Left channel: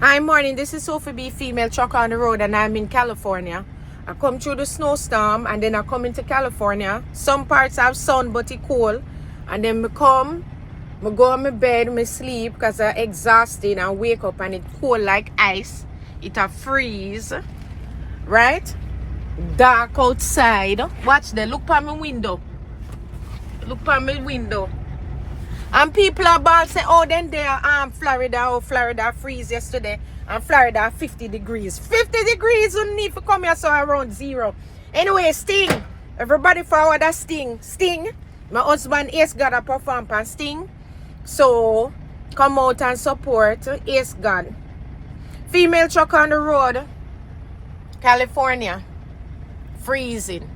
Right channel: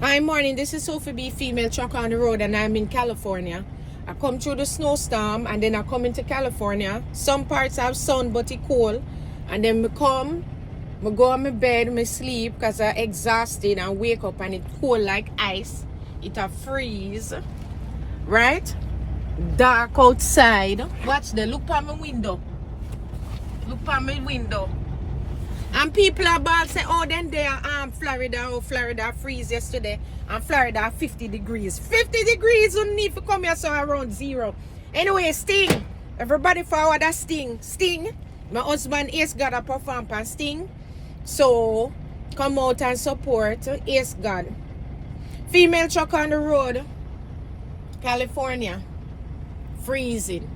Hi, morning. This is Sophia B, female truck on the road, and I'm in California. I come through the snowstorm, and then I come into California. Some parts have sun, but it's cold. And then I go on my bed, I sleep, because I'm exhausted, and wake up, and it's cold like ice. It a freeze, right? Dark outside. Watch there. Look by my window. Look by my window. And people are about saying, oh, then they are Florida freeze yesterday. And Florida 50 degrees. 50 degrees, you need to come here, so around zero. Anyway, Sting. Everybody forward a Sting. Sting. My husband Ace God a perform for Sting. So, come out and support Ace God. Female truck on the road. California. Freezing.